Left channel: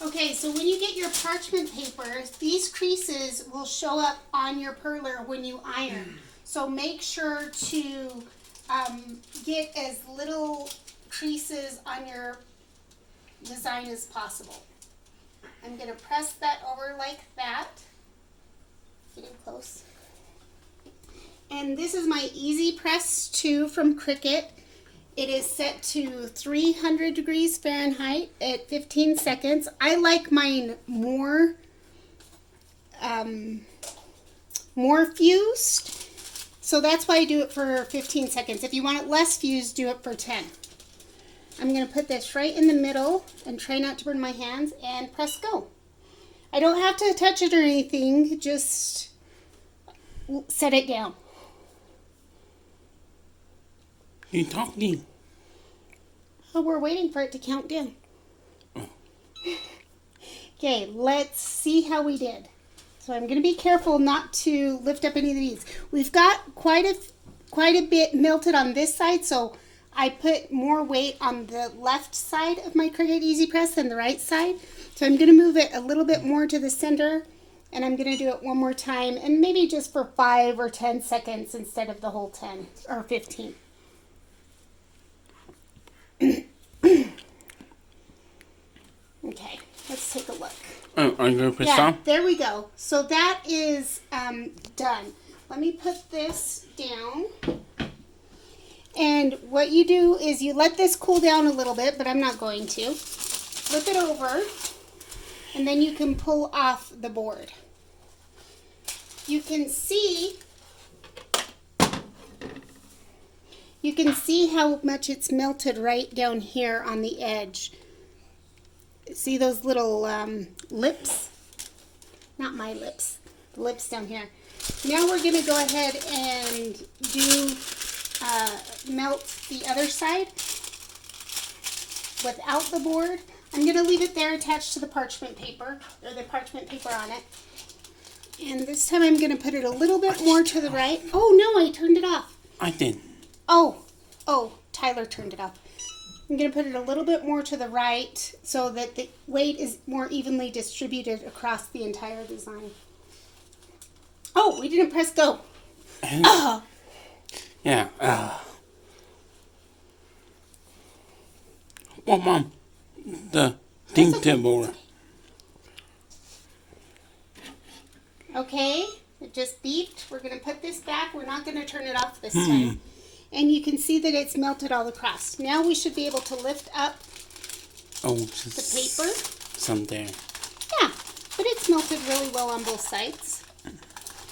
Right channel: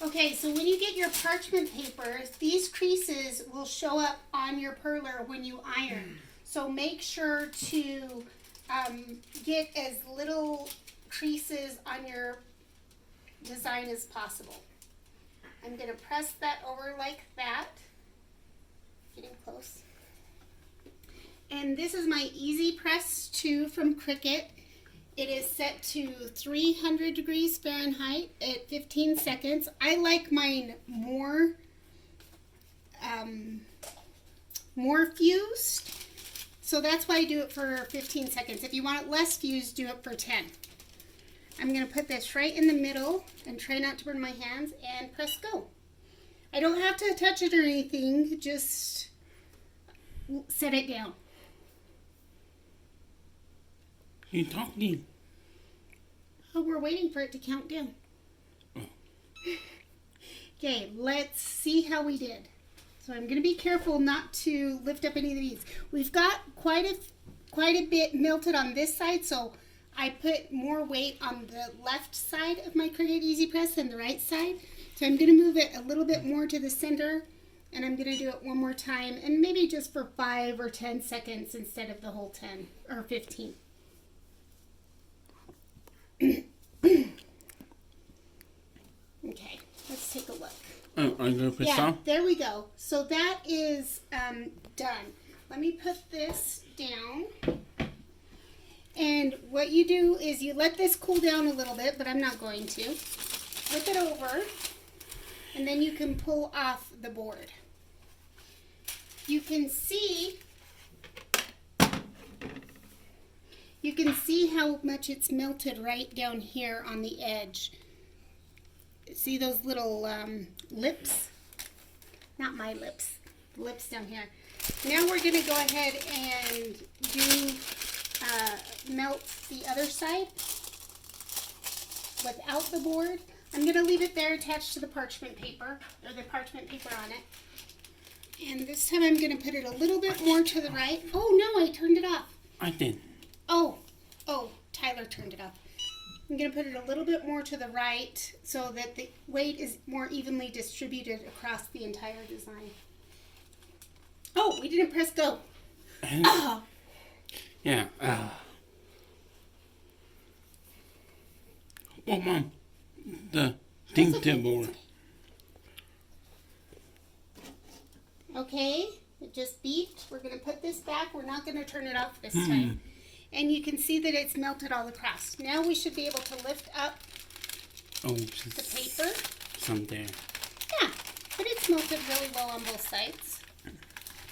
Okay, so when you get your parchment paper, these creases will show up on your perler when you iron. So make sure to get as little creases on your design as possible. I'm going to press that over like that. Get in close. And this is my Easy Press 2 from Cricut. It is set to 300 degrees Fahrenheit at 15 seconds. I like mine more fused, so that's why I do it for 15 seconds. If you want it less fused, do it for 10. I'm going to put this right in the middle and try not to burn my hands and press go. I don't have to touch it or anything, just set it down. You're talking. Oh, we're waiting for it to count down. Okay, let's see how we did. So I'm going to be careful not to lift up any of these. We've got quite a bit melted on this side, so I put more weight on the left side of my Cricut Easy Press than the right side. So I'm going to move it a little bit more to the center, and I'm going to do it one more time, and maybe just for 5 or 10 seconds instead of the whole 10 or 15. Okay, let's take a look. Oh, are you going to press stop? There we go. So that is done. Let me put this down. And what you do is you let this cool down a little bit, but I'm not going to. Flip it over, and then you can pull off the board. You can see how much it's melted right down here on the edge. See those little lips? Not my lips. The lips down here. Now we're going to go ahead and do melt the other side without the board. I'm going to leave it there attached to the parchment paper, or the parchment paper on it. And this time I'm going to put it a little bit more to the right. Oh no, I turned it off. I did. Oh, Tyler turned it off. I'm going to put it a little bit more to the right so that the weight is more evenly distributed across the entire design. Oh, we didn't press go. Oh. Yeah. Well, Mom, the thing tip over. Okay, it just beeped. We're going to put this back. We're not going to turn it off this time. And you can see that it's melted all across. Now we should be able to lift up the paper. Some there. Yeah, but it's melted really well on both sides.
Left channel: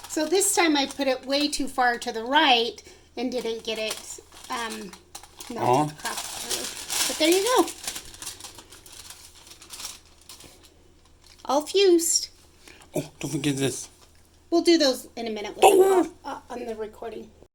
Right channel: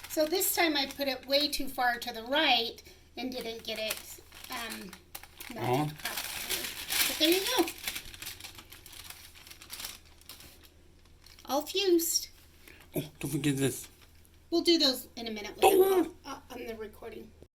So this time I put it way too far to the right and didn't get it melted across. But there you go. All fused. Oh, don't forget this. We'll do those in a minute on the recording.